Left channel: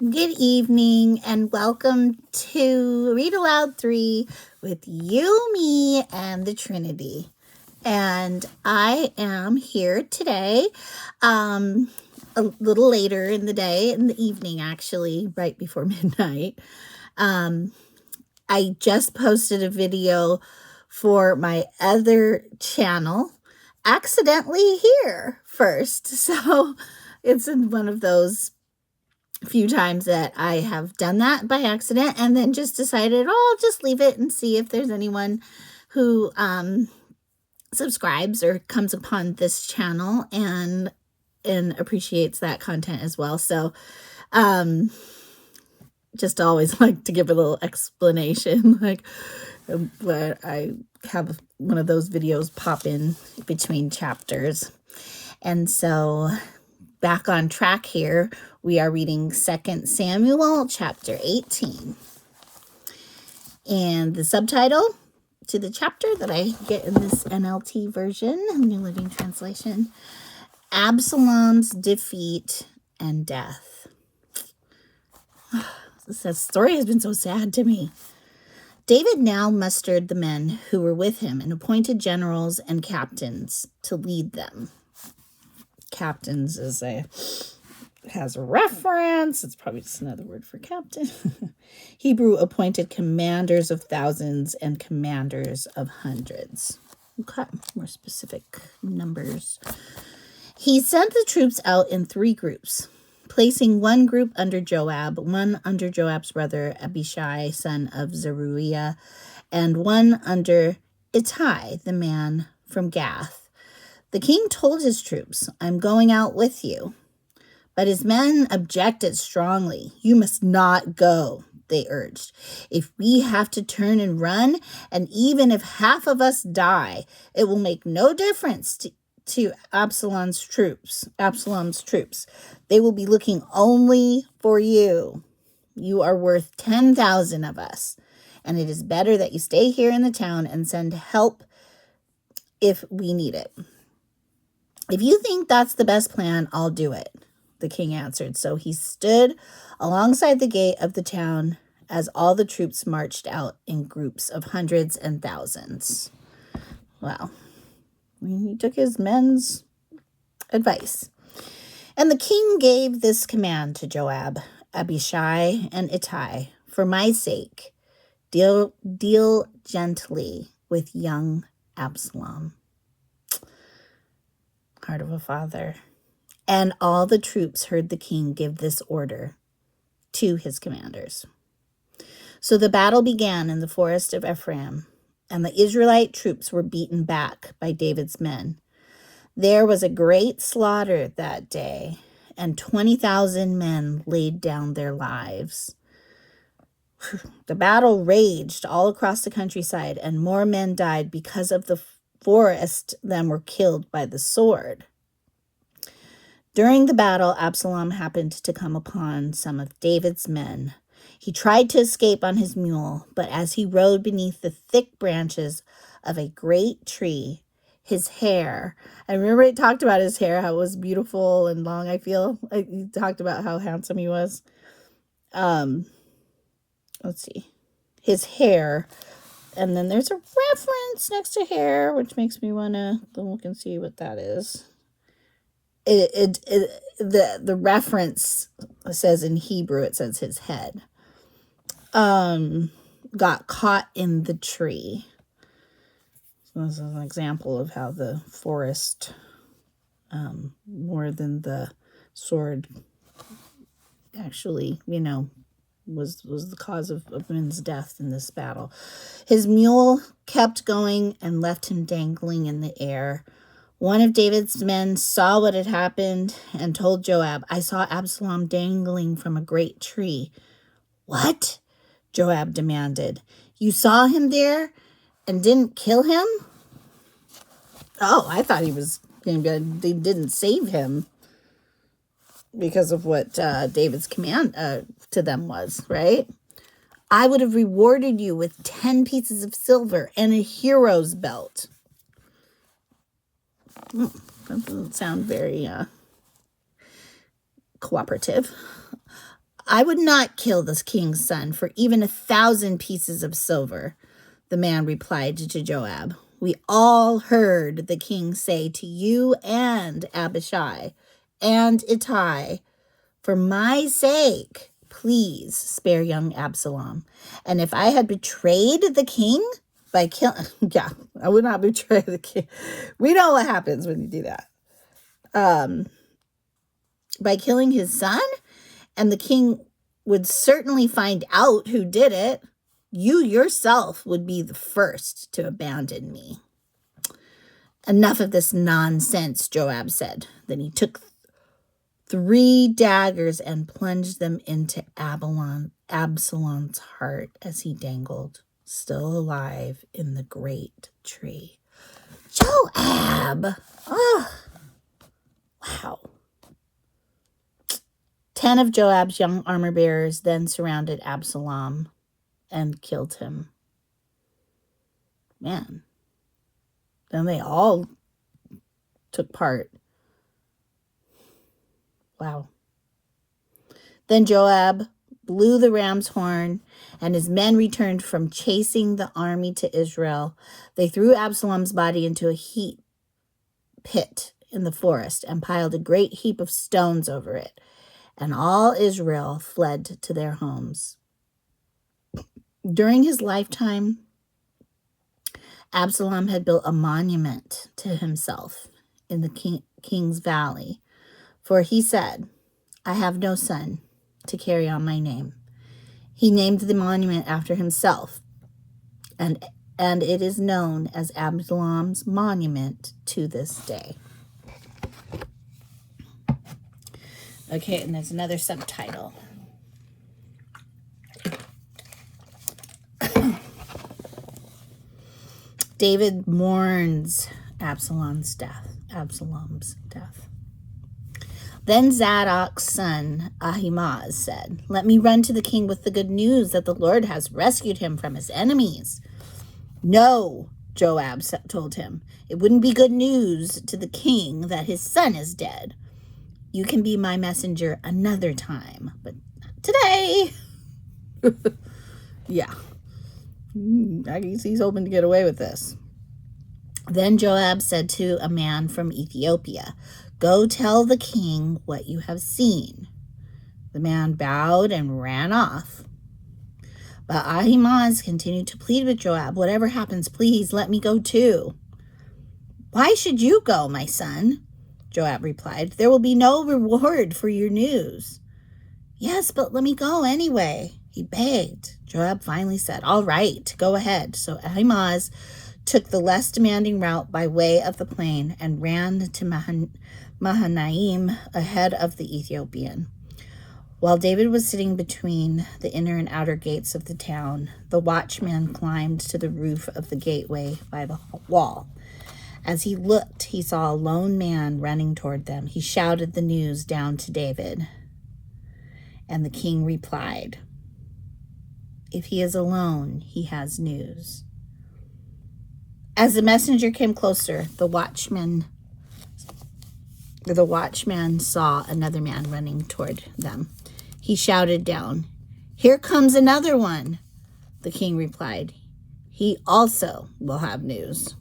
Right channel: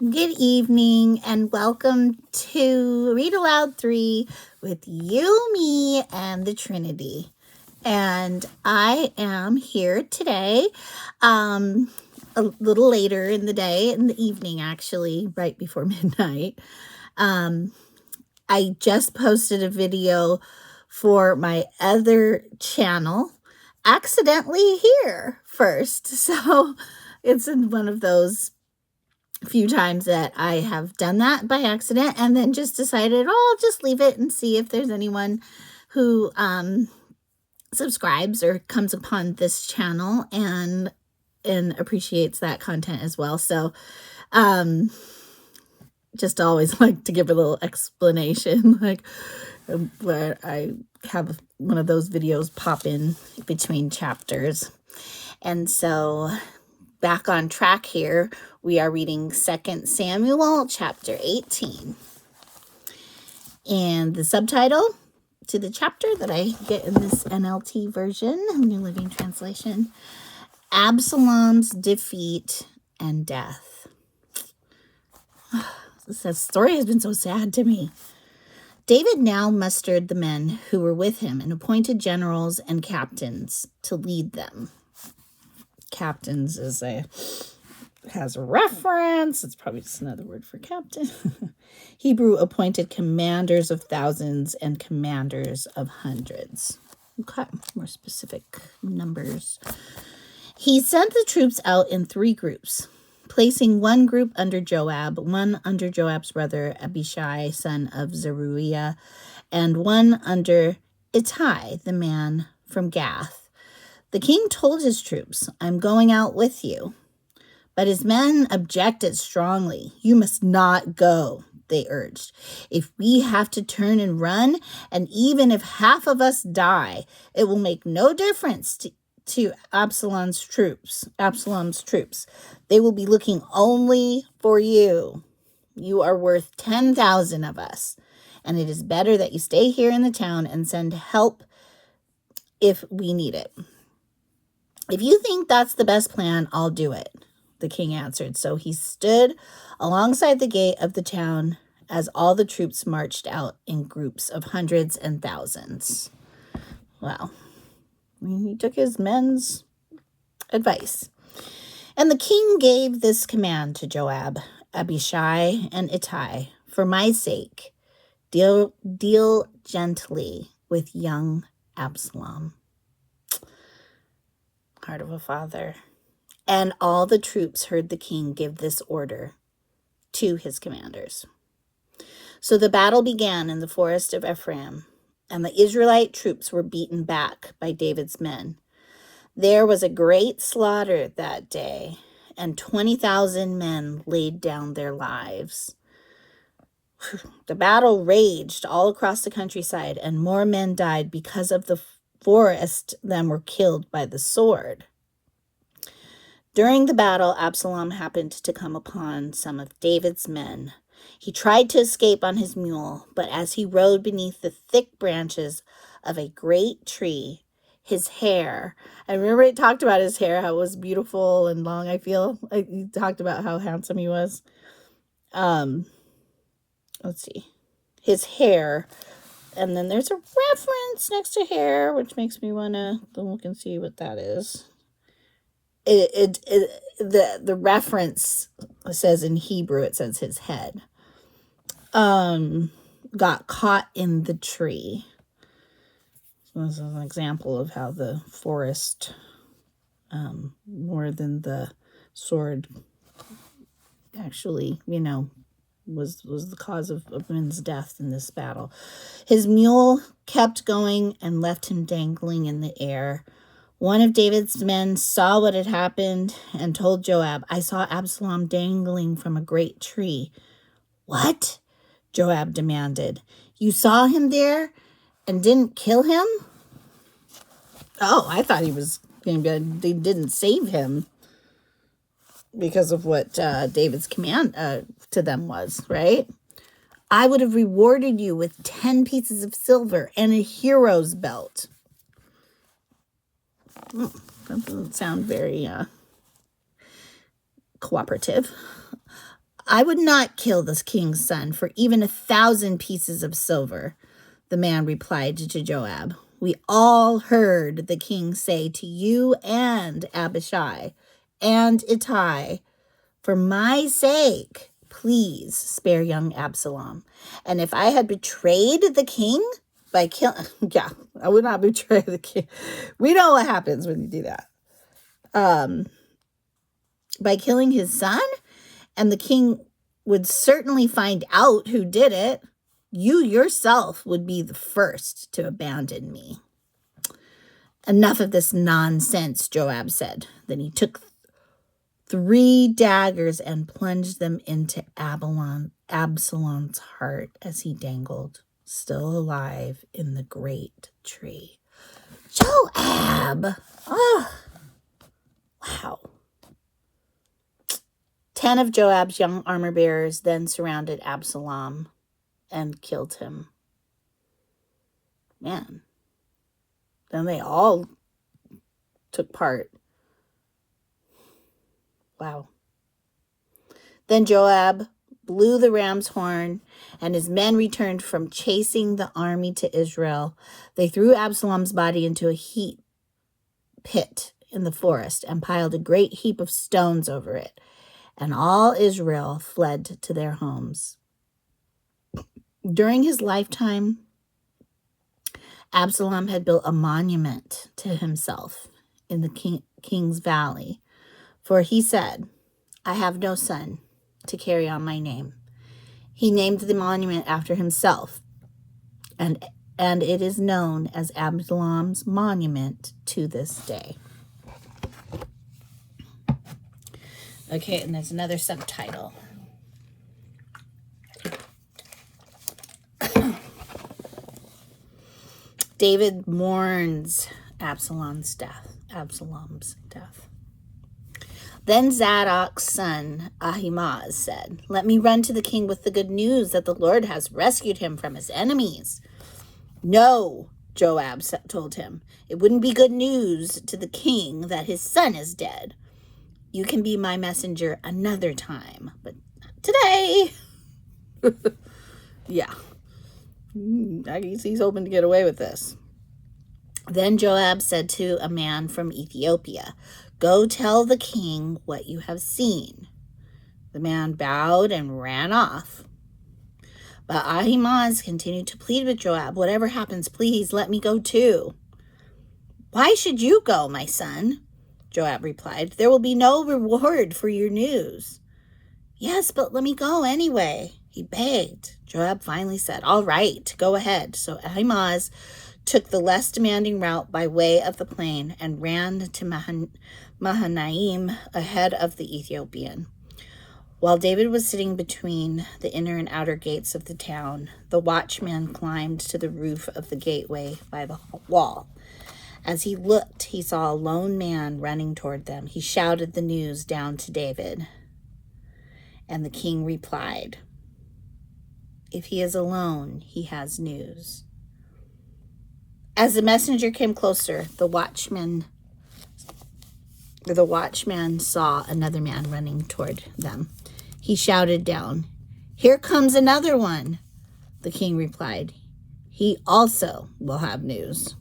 Good evening and welcome to Read Aloud 3 with you, me, and the Trinity. And I am here today, a little later in the day, in the evening actually, right before midnight. I just posted a video for my other channel, accidentally here first. So it's in one of those few times that I have done that by accident and then just decided, I'll just leave it and see if there's anyone who subscribes or comes upon this channel and appreciates that content as well. So just always like to give a little explanation, but I have one of those videos pop in between chapters. And so back on track here, we are reading 2 Samuel chapter 18. And the subtitle to the chapter that I get in this NLT version, New Living Translation, Absalom's defeat and death. This story has been so sad to me. David now mustered the men who were with him and appointed generals and captains to lead them. Captains has a reference. It's probably just another word for captain. Hebrew appointed commanders of thousands and commanders of hundreds. Okay, more specific numbers. He sent the troops out in 3 groups, placing one group under Joab, one under Joab's brother Abishai, son of Zeruiah, and one under Ittai, the man from Gath. The king told his troops, I'm going out with you. But his men objected strongly. You must not go, they urged. If we have to turn and run, and even if half of us die, it will make no difference to Absalom's troops. They will be looking only for you. You are worth 10,000 of us, and it is better that you stay here in the town and send help if we need it. If you think that's the best plan, I'll do it, the king answered. So he stood alongside the gate of the town as all the troops marched out in groups of hundreds and thousands. Wow. He took his men's advice. And the king gave this command to Joab, Abishai, and Ittai, for my sake, deal gently with young Absalom. Heart of a father. And all the troops heard the king give this order to his commanders. So the battle began in the forest of Ephraim, and the Israelite troops were beaten back by David's men. There was a great slaughter that day, and 20,000 men laid down their lives. The battle raged all across the countryside, and more men died because of the forest than were killed by the sword. During the battle, Absalom happened to come upon some of David's men. He tried to escape on his mule, but as he rode beneath the thick branches of a great tree, his hair, I remember he talked about his hair, how it was beautiful and long, he talked about how handsome he was. Let's see. His hair, and then there's a reference next to hair, which makes me want to look and see what that is. The reference says in Hebrew, it says his head got caught in the tree. So this is an example of how the forest, more than the sword, actually, was the cause of men's death in this battle. His mule kept going and left him dangling in the air. One of David's men saw what had happened and told Joab, I saw Absalom dangling from a great tree. What? Joab demanded. You saw him there and didn't kill him? Oh, I thought they didn't save him because of what David's command to them was, right? I would have rewarded you with 10 pieces of silver and a hero's belt. Oh, that doesn't sound very cooperative. I would not kill this king's son for even 1,000 pieces of silver, the man replied to Joab. We all heard the king say to you and Abishai and Ittai, for my sake, please spare young Absalom. And if I had betrayed the king by killing, yeah, I would not betray the king. We know what happens when you do that. By killing his son, and the king would certainly find out who did it, you yourself would be the first to abandon me. Enough of this nonsense, Joab said. Then he took 3 daggers and plunged them into Absalom's heart as he dangled, still alive, in the great tree. Joab! Oh, wow. 10 of Joab's young armor-bearers then surrounded Absalom and killed him. Man. Then they all took part. Wow. Then Joab blew the ram's horn, and his men returned from chasing the army to Israel. They threw Absalom's body into a heap pit in the forest and piled a great heap of stones over it. And all Israel fled to their homes. During his lifetime, Absalom had built a monument to himself in the King's Valley, for he said, I have no son to carry on my name. He named the monument after himself, and it is known as Absalom's monument to this day. Okay, and there's another subtitle. David mourns Absalom's death. Then Zadok's son Ahimaaz said, Let me run to the king with the good news that the Lord has rescued him from his enemies. No, Joab told him. It wouldn't be good news to the king that his son is dead. You can be my messenger another time, but not today. Yeah. He's hoping to get away with this. Then Joab said to a man from Ethiopia, Go tell the king what you have seen. The man bowed and ran off. But Ahimaaz continued to plead with Joab, Whatever happens, please let me go too. Why should you go, my son? Joab replied, There will be no reward for your news. Yes, but let me go anyway, he begged. Joab finally said, All right, go ahead. So Ahimaaz took the less demanding route by way of the plain and ran to Mahanaim ahead of the Ethiopian. While David was sitting between the inner and outer gates of the town, the watchman climbed to the roof of the gateway by the wall. As he looked, he saw a lone man running toward them. He shouted the news down to David. And the king replied, If he is alone, he has news. As the messenger came closer, the watchman saw another man running toward them. He shouted down, Here comes another one. The king replied, He also will have news.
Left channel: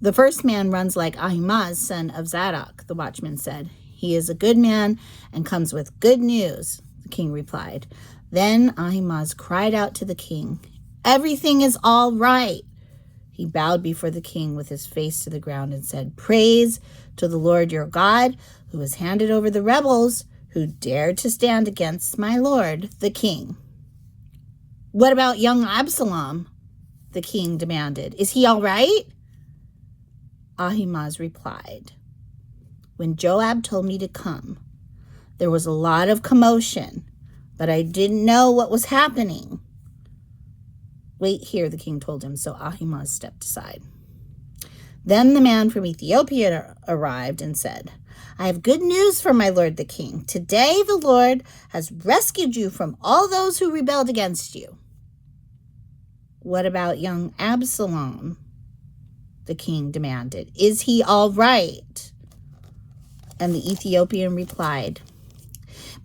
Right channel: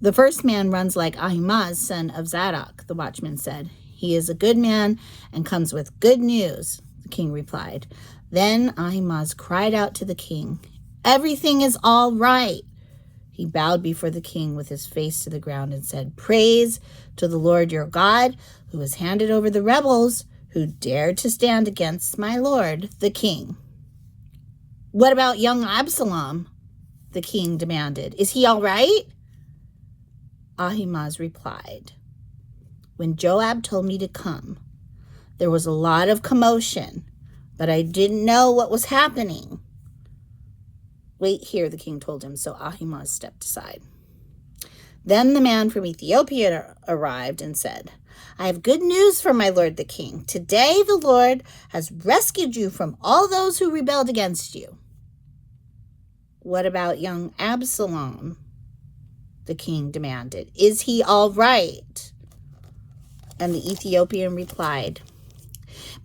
The first man runs like Ahimaaz, son of Zadok, the watchman said. He is a good man and comes with good news, the king replied. Then Ahimaaz cried out to the king, Everything is all right. He bowed before the king with his face to the ground and said, Praise to the Lord your God, who has handed over the rebels who dared to stand against my lord, the king. What about young Absalom? The king demanded. Is he all right? Ahimaaz replied, When Joab told me to come, there was a lot of commotion, but I didn't know what was happening. Wait here, the king told him, so Ahimaaz stepped aside. Then the man from Ethiopia arrived and said, I have good news for my lord the king. Today the Lord has rescued you from all those who rebelled against you. What about young Absalom? The king demanded. Is he all right? And the Ethiopian replied,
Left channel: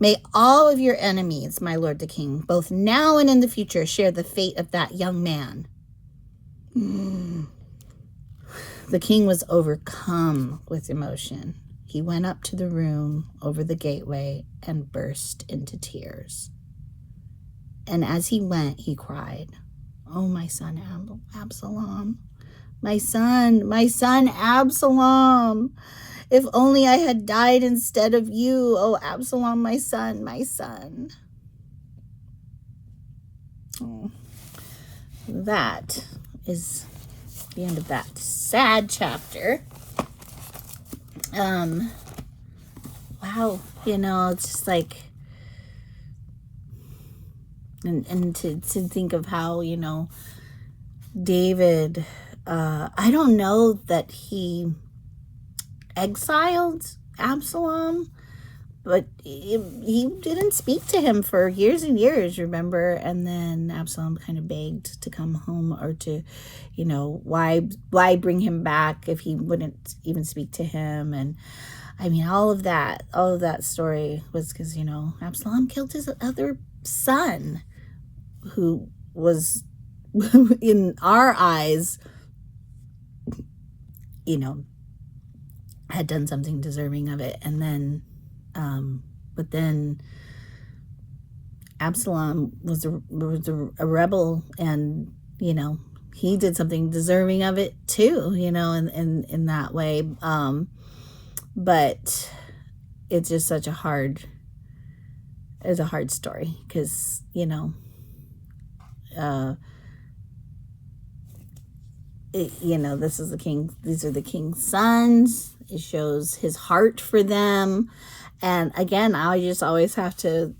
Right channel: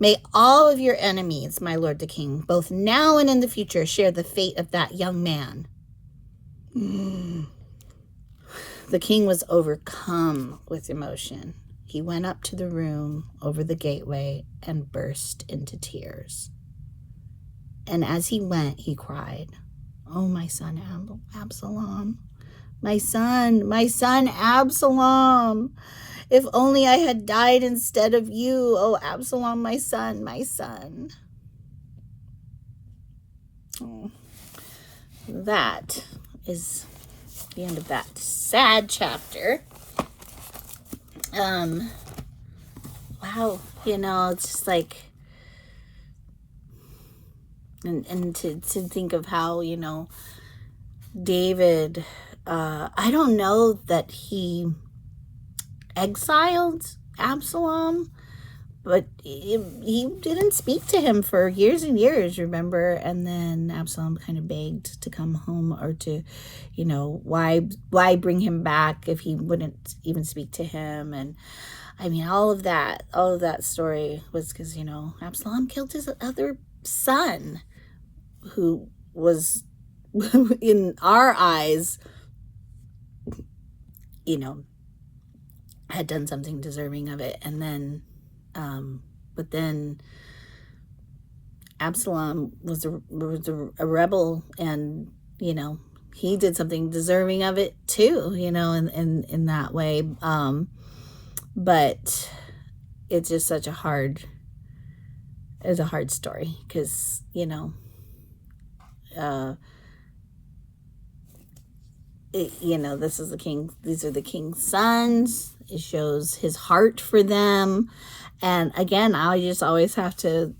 May all of your enemies, my lord the king, both now and in the future, share the fate of that young man. The king was overcome with emotion. He went up to the room over the gateway and burst into tears. And as he went, he cried, "Oh, my son Absalom, my son Absalom. If only I had died instead of you, oh Absalom, my son, my son." That is the end of that sad chapter. Wow, it's just like, and to think of how, David, I don't know that he exiled Absalom, but he didn't speak to him for years and years, remember? And then Absalom kind of begged to come home, or to, why bring him back if he wouldn't even speak to him? And I mean, all of that story was because, Absalom killed his other son, who was, in our eyes, had done something deserving of it. And then, but then Absalom was a rebel, and, he did something deserving of it too, in that way. But it's just such a hard story, because, these are the king's sons. It shows his heart for them. And again, I just always have to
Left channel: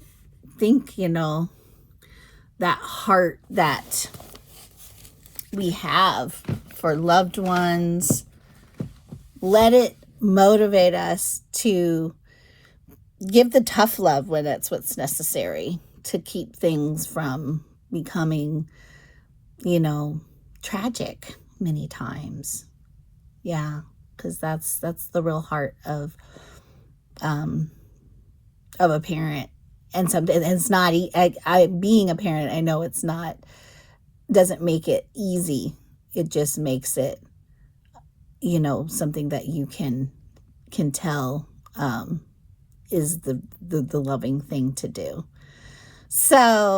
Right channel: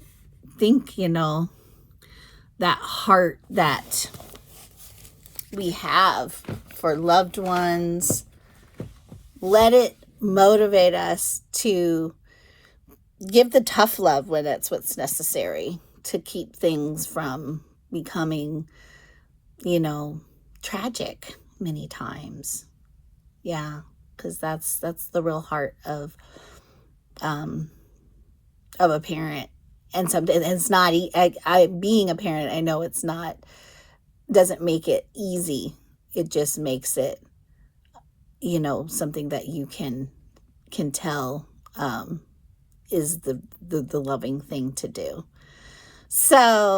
think, that heart that we have for loved ones, let it motivate us to give the tough love when that's what's necessary, to keep things from becoming, tragic many times. Yeah, because that's the real heart of a parent. And it's not, being a parent, I know it's not, doesn't make it easy. It just makes it, something that you can tell is the loving thing to do. So